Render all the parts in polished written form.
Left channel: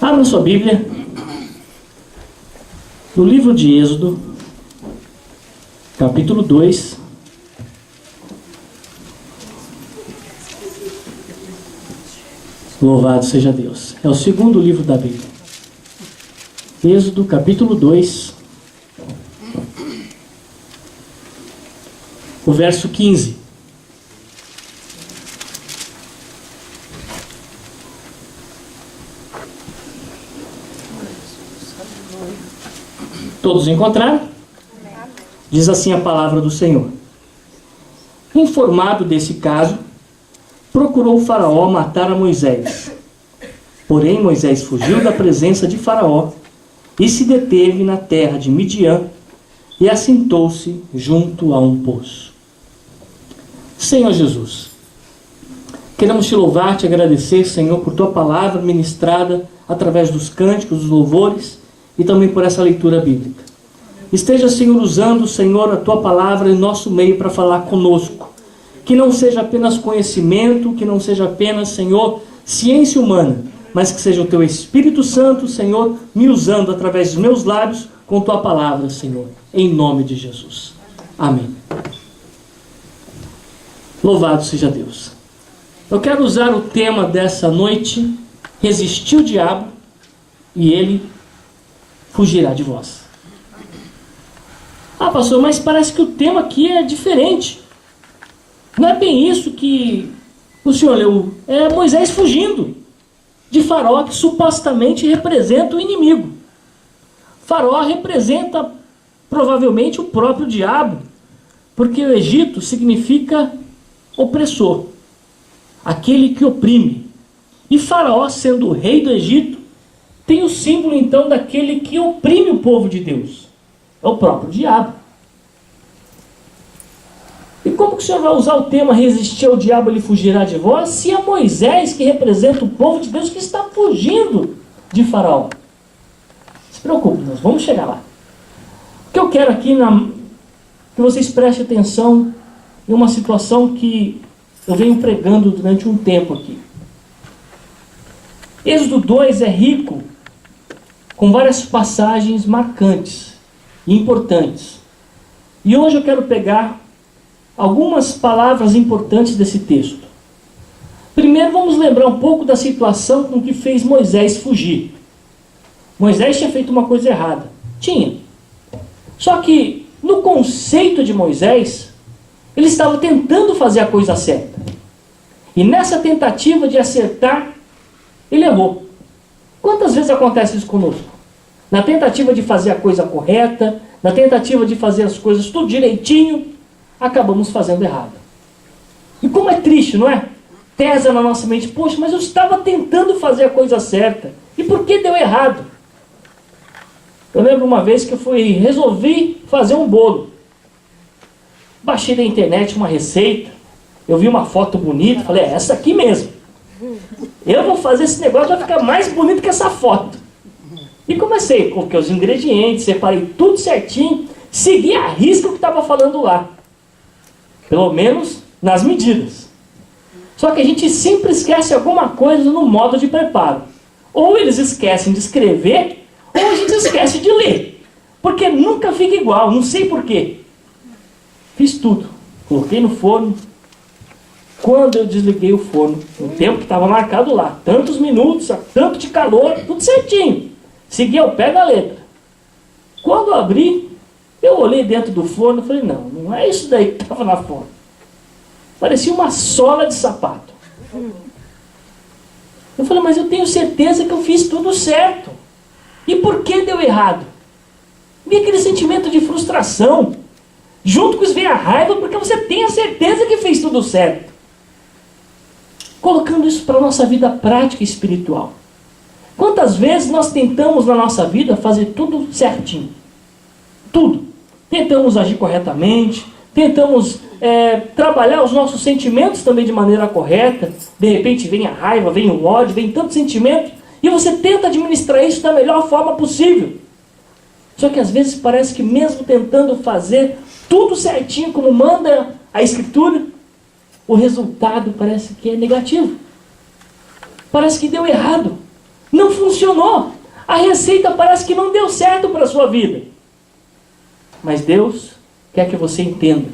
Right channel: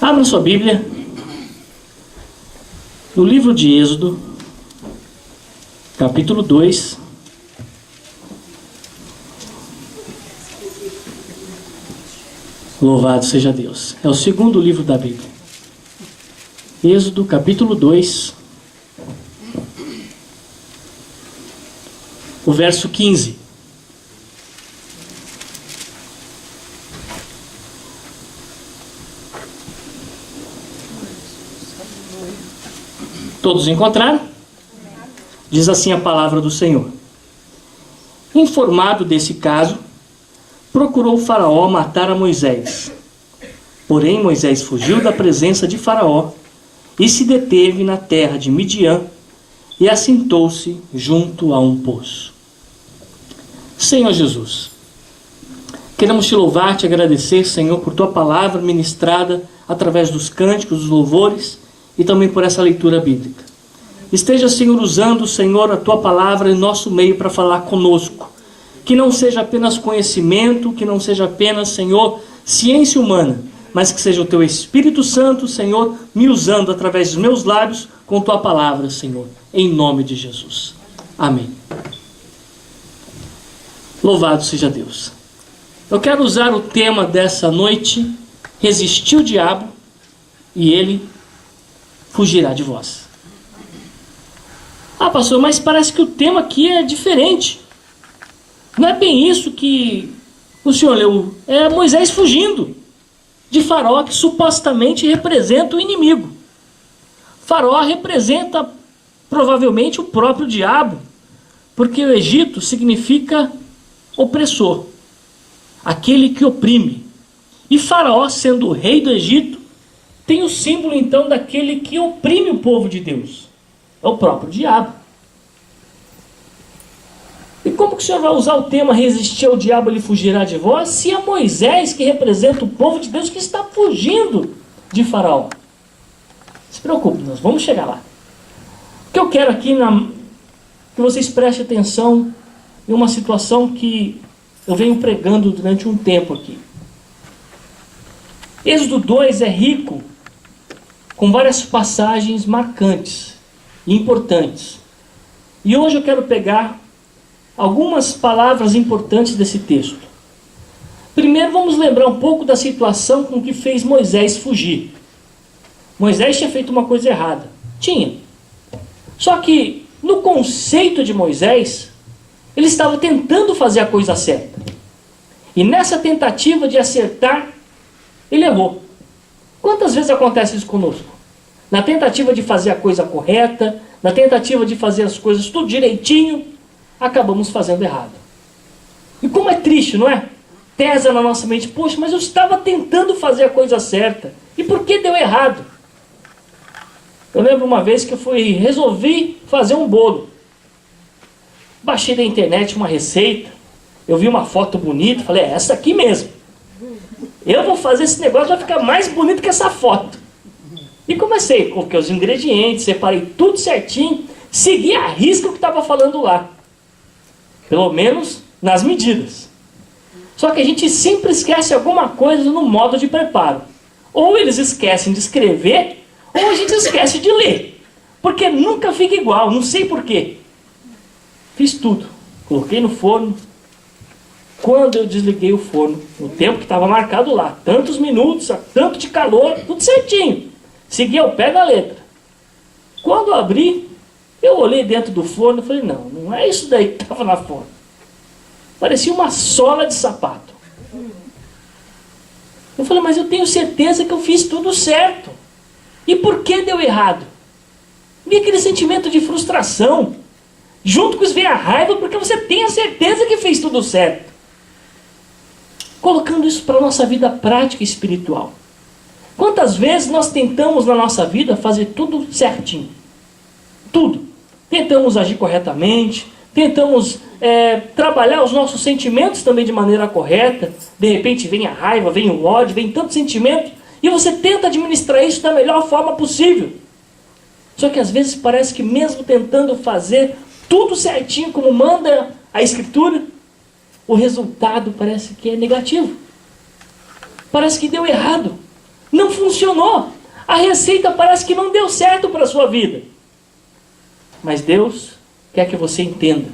Abra sua Bíblia no livro de Êxodo, capítulo 2. Louvado seja Deus. É o segundo livro da Bíblia. Êxodo, capítulo 2, o verso 15. Todos encontraram? Diz assim a palavra do Senhor. Informado desse caso, procurou o Faraó matar a Moisés. Porém, Moisés fugiu da presença de Faraó e se deteve na terra de Midian e assentou-se junto a um poço. Senhor Jesus, queremos te louvar, te agradecer, Senhor, por tua palavra ministrada através dos cânticos, dos louvores e também por essa leitura bíblica. Esteja, Senhor, usando, Senhor, a tua palavra em nosso meio para falar conosco. Que não seja apenas conhecimento, que não seja apenas, Senhor, ciência humana, mas que seja o teu Espírito Santo, Senhor, me usando através dos meus lábios com tua palavra, Senhor, em nome de Jesus. Amém. Louvado seja Deus. Eu quero usar o tema dessa noite: resistir o diabo e ele fugirá de vós. Ah, pastor, mas parece que o tema aqui é diferente. Não é bem isso que o senhor leu. É Moisés fugindo de Faraó, que supostamente representa o inimigo. Faraó representa provavelmente o próprio diabo, porque o Egito significa opressor, aquele que oprime. E Faraó, sendo o rei do Egito, tem o símbolo então daquele que oprime o povo de Deus. É o próprio diabo. E como que o senhor vai usar o tema resistir ao diabo, ele fugirá de vós, se é Moisés que representa o povo de Deus que está fugindo de Faraó? Não se preocupe, nós vamos chegar lá. O que eu quero aqui que vocês prestem atenção em uma situação que eu venho pregando durante um tempo aqui. Êxodo 2 é rico com várias passagens marcantes e importantes. E hoje eu quero pegar algumas palavras importantes desse texto. Primeiro vamos lembrar um pouco da situação com que fez Moisés fugir. Moisés tinha feito uma coisa errada. Tinha. Só que no conceito de Moisés, ele estava tentando fazer a coisa certa. E nessa tentativa de acertar, ele errou. Quantas vezes acontece isso conosco? Na tentativa de fazer a coisa correta, na tentativa de fazer as coisas tudo direitinho, acabamos fazendo errado. E como é triste, não é? Pesa na nossa mente, poxa, mas eu estava tentando fazer a coisa certa. E por que deu errado? Eu lembro uma vez que eu resolvi fazer um bolo. Baixei da internet uma receita, eu vi uma foto bonita, falei, é essa aqui mesmo. Eu vou fazer esse negócio, vai ficar mais bonito que essa foto. E comecei, coloquei os ingredientes, separei tudo certinho, segui à risca o que estava falando lá. Pelo menos nas medidas. Só que a gente sempre esquece alguma coisa no modo de preparo. Ou eles esquecem de escrever, ou a gente esquece de ler. Porque nunca fica igual, não sei porquê. Fiz tudo. Coloquei no forno. Quando eu desliguei o forno, no tempo que estava marcado lá, tantos minutos, tanto de calor, tudo certinho. Segui ao pé da letra. Quando eu abri, eu olhei dentro do forno e falei, não é isso daí que estava na forma. Parecia uma sola de sapato. Eu falei, mas eu tenho certeza que eu fiz tudo certo. E por que deu errado? Vi aquele sentimento de frustração. Junto com isso vem a raiva, porque você tem a certeza que fez tudo certo. Colocando isso para a nossa vida prática e espiritual. Quantas vezes nós tentamos na nossa vida fazer tudo certinho? Tudo. Tentamos agir corretamente, tentamos trabalhar os nossos sentimentos também de maneira correta. De repente vem a raiva, vem o ódio, vem tanto sentimento, e você tenta administrar isso da melhor forma possível. Só que às vezes parece que mesmo tentando fazer tudo certinho como manda a Escritura, o resultado parece que é negativo. Parece que deu errado. Não funcionou. A receita parece que não deu certo para a sua vida. Mas Deus quer que você entenda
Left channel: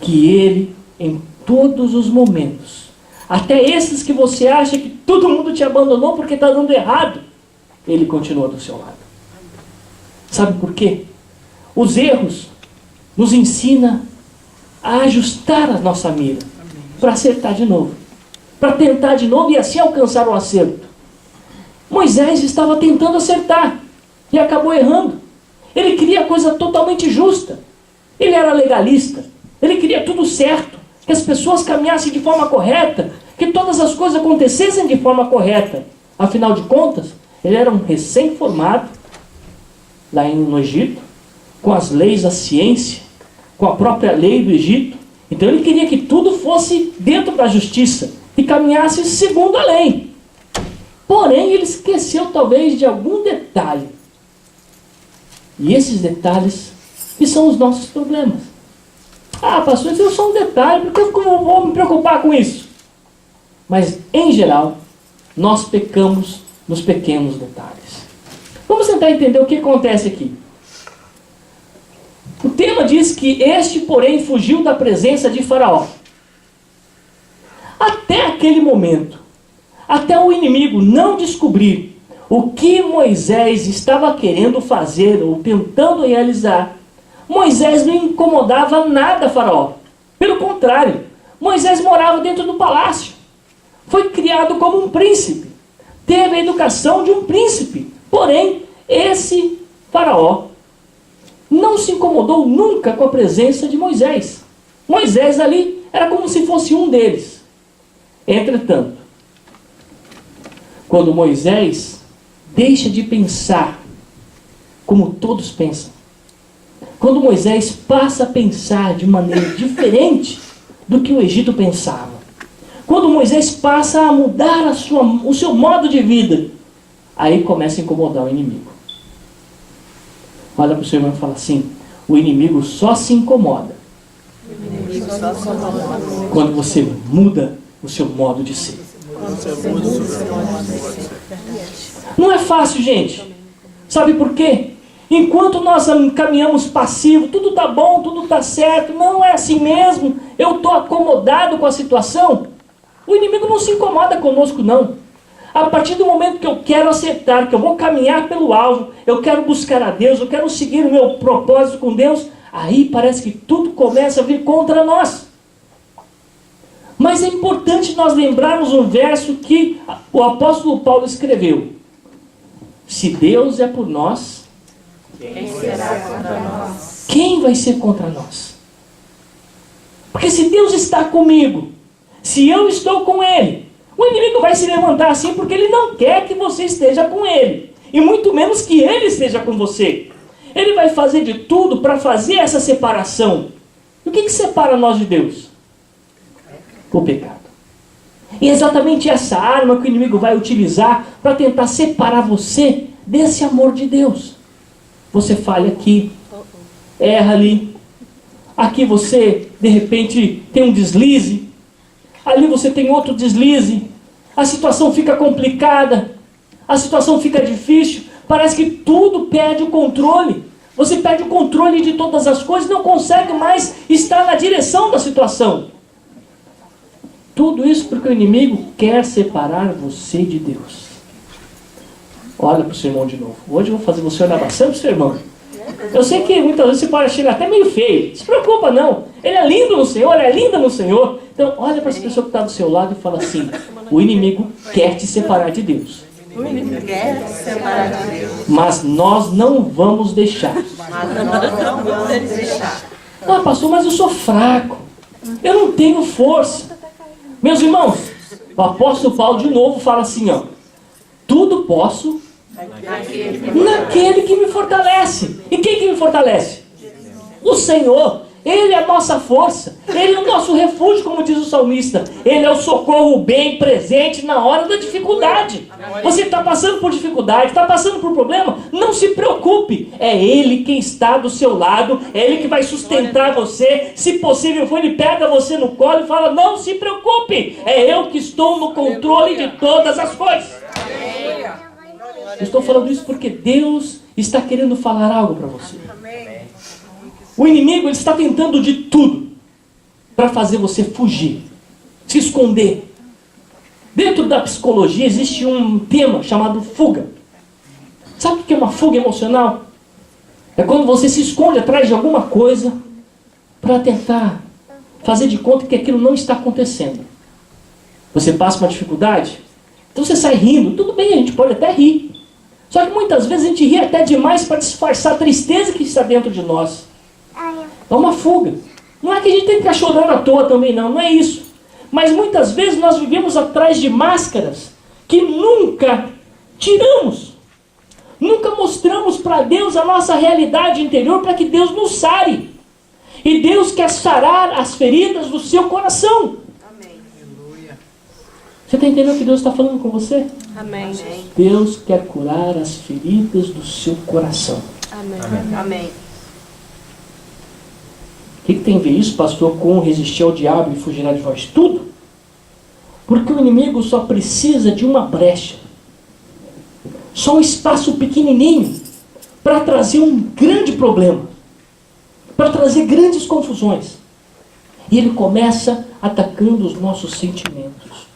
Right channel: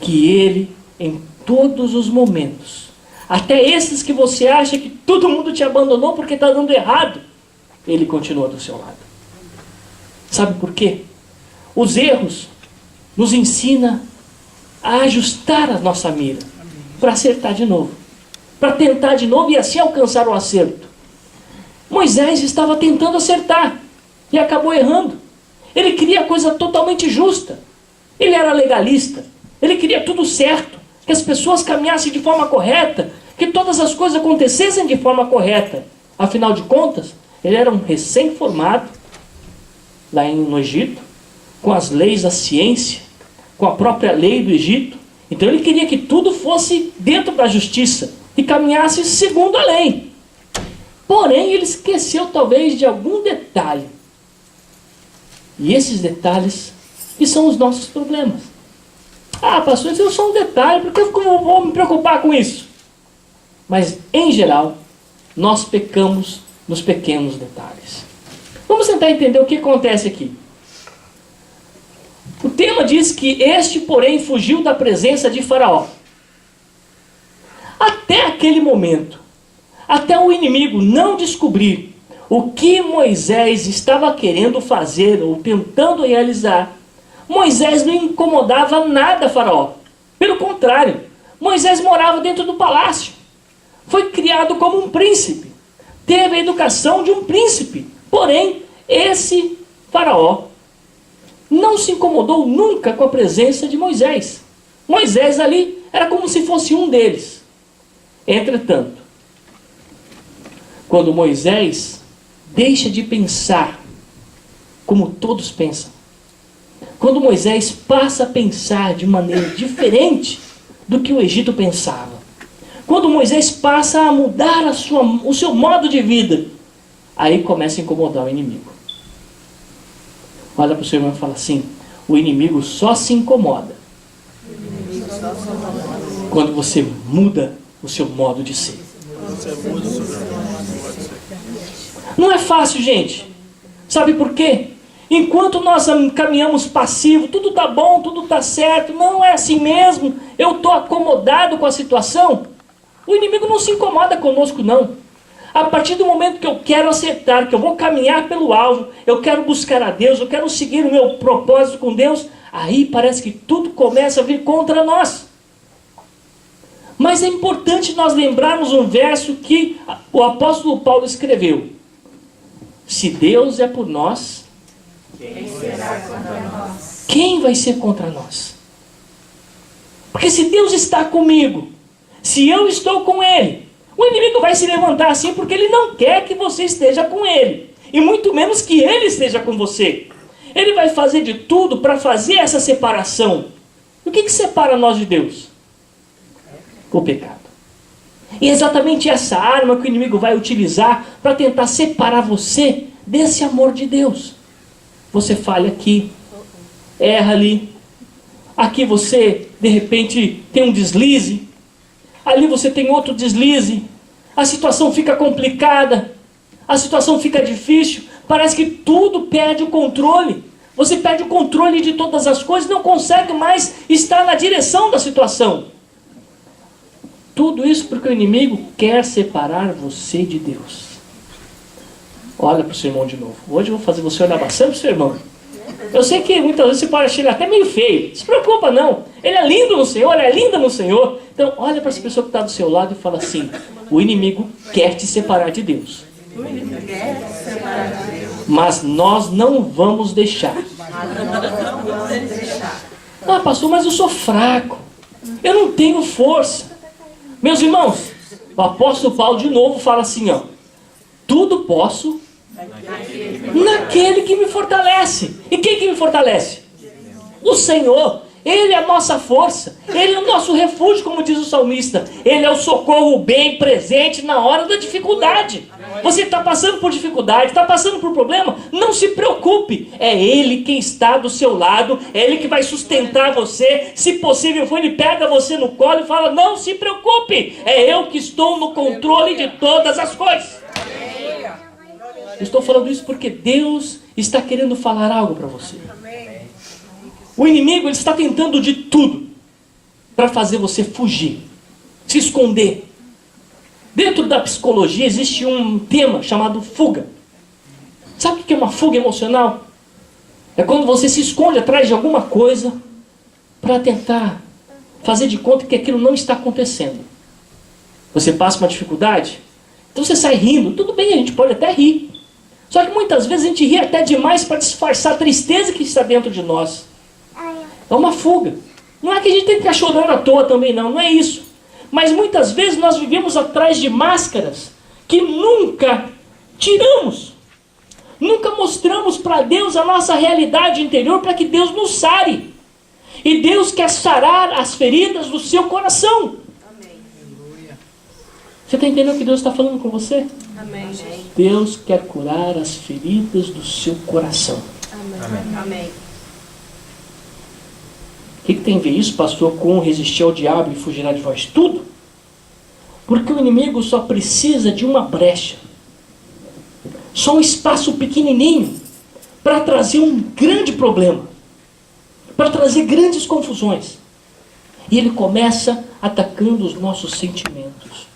que Ele, em todos os momentos, até esses que você acha que todo mundo te abandonou porque está dando errado, Ele continua do seu lado. Sabe por quê? Os erros nos ensinam a ajustar a nossa mira, para acertar de novo, para tentar de novo e assim alcançar o acerto. Moisés estava tentando acertar e acabou errando. Ele queria a coisa totalmente justa. Ele era legalista. Ele queria tudo certo, que as pessoas caminhassem de forma correta, que todas as coisas acontecessem de forma correta. Afinal de contas, ele era um recém-formado lá no Egito, com as leis da ciência, com a própria lei do Egito. Então ele queria que tudo fosse dentro da justiça e caminhasse segundo a lei. Porém, ele esqueceu talvez de algum detalhe. E esses detalhes que são os nossos problemas. Ah, pastor, isso é só um detalhe, por que eu vou me preocupar com isso? Mas, em geral, nós pecamos nos pequenos detalhes. Vamos tentar entender o que acontece aqui. O tema diz que este, porém, fugiu da presença de Faraó. Até aquele momento, até o inimigo não descobrir o que Moisés estava querendo fazer ou tentando realizar, Moisés não incomodava nada Faraó. Pelo contrário, Moisés morava dentro do palácio. Foi criado como um príncipe. Teve a educação de um príncipe. Porém, esse Faraó não se incomodou nunca com a presença de Moisés. Moisés ali era como se fosse um deles. Entretanto, quando Moisés deixa de pensar como todos pensam, quando Moisés passa a pensar de maneira diferente do que o Egito pensava, quando Moisés passa a mudar o seu modo de vida, aí começa a incomodar o inimigo. Olha para o seu irmão e fala assim: o inimigo só se incomoda quando você muda o seu modo de ser. Não é fácil, gente. Sabe por quê? Enquanto nós caminhamos passivo, tudo está bom, tudo está certo, não é assim mesmo, eu estou acomodado com a situação, o inimigo não se incomoda conosco, não. A partir do momento que eu quero acertar, que eu vou caminhar pelo alvo, eu quero buscar a Deus, eu quero seguir o meu propósito com Deus, aí parece que tudo começa a vir contra nós. Mas é importante nós lembrarmos um verso que o apóstolo Paulo escreveu: se Deus é por nós, quem será contra nós? Quem vai ser contra nós? Porque se Deus está comigo, se eu estou com Ele, o inimigo vai se levantar assim porque ele não quer que você esteja com ele, e muito menos que ele esteja com você. Ele vai fazer de tudo para fazer essa separação. E o que separa nós de Deus? O pecado. E é exatamente essa arma que o inimigo vai utilizar para tentar separar você desse amor de Deus. Você falha aqui, erra ali, aqui você de repente tem um deslize, ali você tem outro deslize, a situação fica complicada, a situação fica difícil, parece que tudo perde o controle. Você perde o controle de todas as coisas, não consegue mais estar na direção da situação. Tudo isso porque o inimigo quer separar você de Deus. Olha para o seu irmão de novo. Hoje eu vou fazer você olhar bastante para o seu irmão. Eu sei que muitas vezes você pode achar ele até meio feio. Não se preocupa não. Ele é lindo no Senhor, é linda no Senhor. Então olha para essa pessoa que está do seu lado e fala assim: o inimigo quer te separar de Deus. Mas nós não vamos deixar. Ah, pastor, mas eu sou fraco. Eu não tenho força. Meus irmãos, o apóstolo Paulo de novo fala assim, ó: tudo posso naquele que me fortalece. E quem que me fortalece? O Senhor. Ele é a nossa força. Ele é o nosso refúgio, como diz o salmista. Ele é o socorro bem presente na hora da dificuldade. Você está passando por dificuldade, está passando por problema? Não se preocupe. É Ele quem está do seu lado. É Ele que vai sustentar você. Se possível for, Ele pega você no colo e fala: não se preocupe. É eu que estou no controle de todas as coisas. Eu estou falando isso porque Deus está querendo falar algo para você. O inimigo, ele está tentando de tudo para fazer você fugir, se esconder. Dentro da psicologia existe um tema chamado fuga. Sabe o que é uma fuga emocional? É quando você se esconde atrás de alguma coisa para tentar fazer de conta que aquilo não está acontecendo. Você passa uma dificuldade, então você sai rindo. Tudo bem, a gente pode até rir. Só que muitas vezes a gente ri até demais para disfarçar a tristeza que está dentro de nós. É uma fuga. Não é que a gente tem que ficar chorando à toa também, não é isso. Mas muitas vezes nós vivemos atrás de máscaras que nunca tiramos. Nunca mostramos para Deus a nossa realidade interior para que Deus nos sare. E Deus quer sarar as feridas do seu coração. Amém. Você está entendendo o que Deus está falando com você? Amém. Deus quer curar as feridas do seu coração. Amém. Amém. O que tem a ver isso, pastor, com resistir ao diabo e fugirá de vós? Tudo. Porque o inimigo só precisa de uma brecha. Só um espaço pequenininho para trazer um grande problema. Para trazer grandes confusões. E ele começa atacando os nossos sentimentos.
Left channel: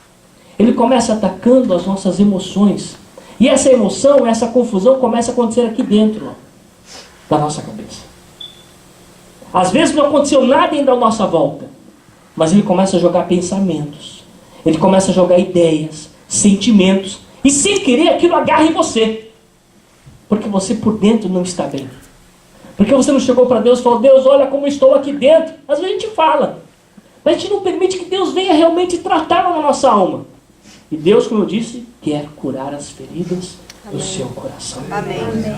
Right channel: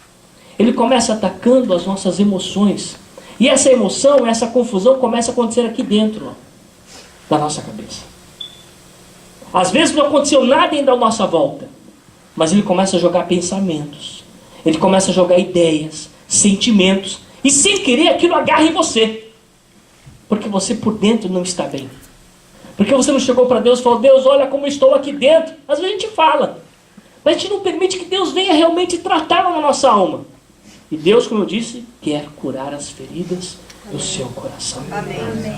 Ele começa atacando as nossas emoções. E essa emoção, essa confusão começa a acontecer aqui dentro da nossa cabeça. Às vezes não aconteceu nada ainda à nossa volta. Mas ele começa a jogar pensamentos. Ele começa a jogar ideias, sentimentos. E sem querer aquilo agarra em você. Porque você por dentro não está bem. Porque você não chegou para Deus e falou: Deus, olha como estou aqui dentro. Às vezes a gente fala. Mas a gente não permite que Deus venha realmente tratar na nossa alma. E Deus, como eu disse, quer curar as feridas do seu coração. Amém.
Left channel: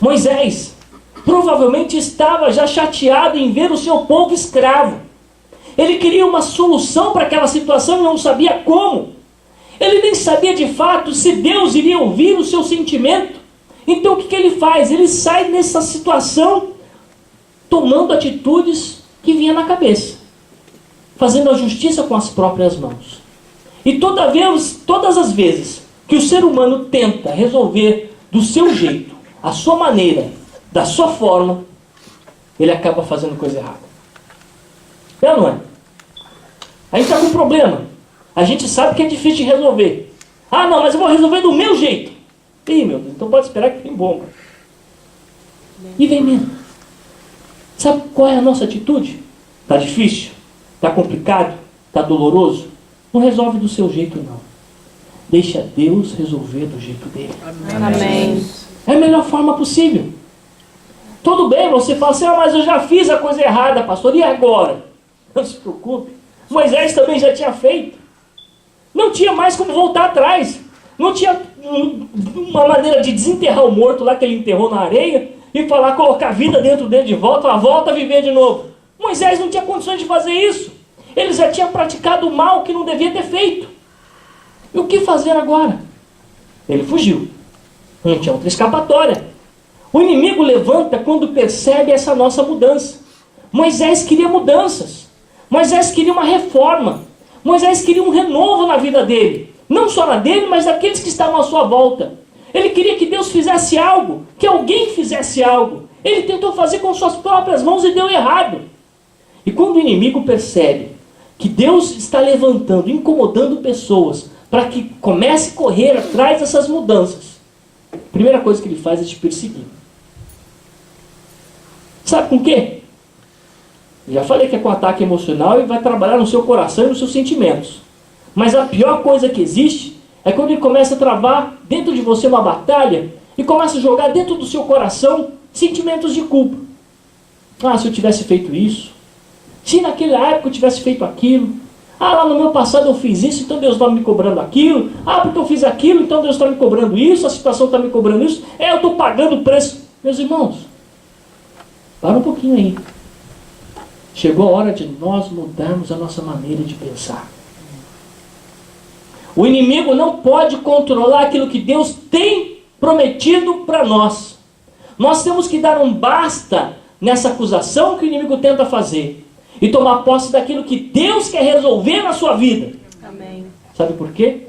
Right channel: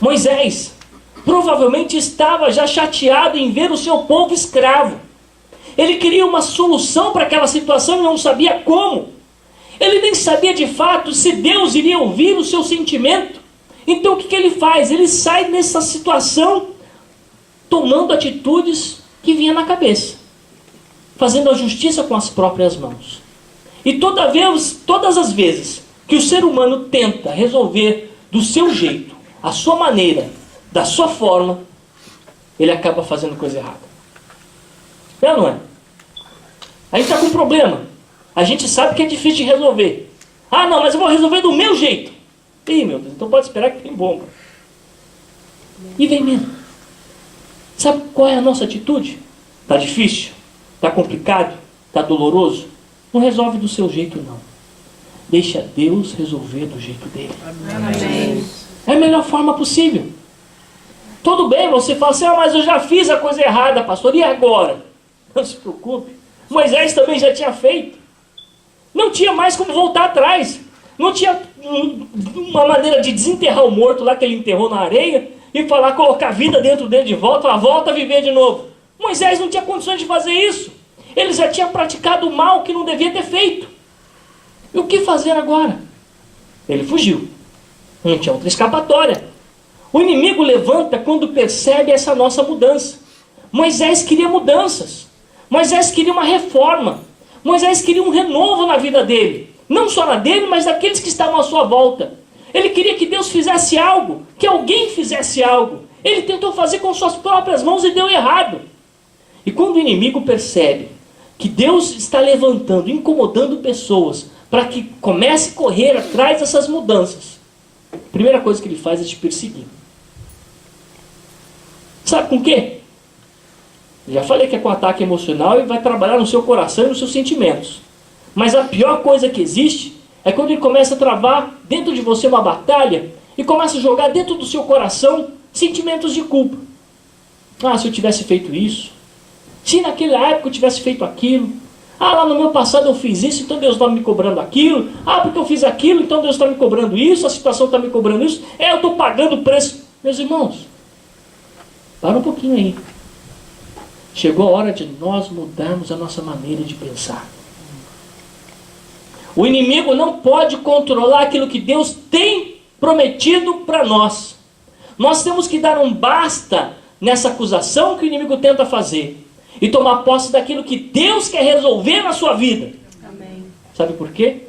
Moisés provavelmente estava já chateado em ver o seu povo escravo. Ele queria uma solução para aquela situação e não sabia como. Ele nem sabia de fato se Deus iria ouvir o seu sentimento. Então o que ele faz? Ele sai nessa situação tomando atitudes que vinha na cabeça. Fazendo a justiça com as próprias mãos. E todas as vezes que o ser humano tenta resolver do seu jeito, a sua maneira, da sua forma, ele acaba fazendo coisa errada. É ou não é? A gente está com um problema. A gente sabe que é difícil de resolver. Ah, não, mas eu vou resolver do meu jeito. Ih, meu Deus, então pode esperar que tem bomba. E vem mesmo. Sabe qual é a nossa atitude? Está difícil? Está complicado? Está doloroso? Não resolve do seu jeito, não. Deixa Deus resolver do jeito dele. Amém. É a melhor forma possível. Tudo bem, você fala assim: ah, mas eu já fiz a coisa errada, pastor, e agora? Não se preocupe. Moisés também já tinha feito. Não tinha mais como voltar atrás. Não tinha uma maneira de desenterrar o morto lá que ele enterrou na areia e falar, colocar a vida dentro dele de volta, falar, volta a viver de novo. Moisés não tinha condições de fazer isso. Ele já tinha praticado o mal que não devia ter feito. E o que fazer agora? Ele fugiu. Não tinha outra escapatória. O inimigo levanta quando percebe essa nossa mudança. Moisés queria mudanças. Moisés queria uma reforma. Moisés queria um renovo na vida dele. Não só na dele, mas daqueles que estavam à sua volta. Ele queria que Deus fizesse algo, que alguém fizesse algo. Ele tentou fazer com suas próprias mãos e deu errado. E quando o inimigo percebe que Deus está levantando, incomodando pessoas para que comece a correr atrás dessas mudanças, a primeira coisa que ele faz é te perseguir. Sabe com o quê? Eu já falei que é com ataque emocional e vai trabalhar no seu coração e nos seus sentimentos. Mas a pior coisa que existe é quando ele começa a travar dentro de você uma batalha e começa a jogar dentro do seu coração sentimentos de culpa. Ah, se eu tivesse feito isso. Se naquela época eu tivesse feito aquilo. Ah, lá no meu passado eu fiz isso, então Deus está me cobrando aquilo. Ah, porque eu fiz aquilo, então Deus está me cobrando isso. A situação está me cobrando isso. Eu estou pagando o preço. Meus irmãos, para um pouquinho aí. Chegou a hora de nós mudarmos a nossa maneira de pensar. O inimigo não pode controlar aquilo que Deus tem prometido para nós. Nós temos que dar um basta nessa acusação que o inimigo tenta fazer e tomar posse daquilo que Deus quer resolver na sua vida. Amém. Sabe por quê?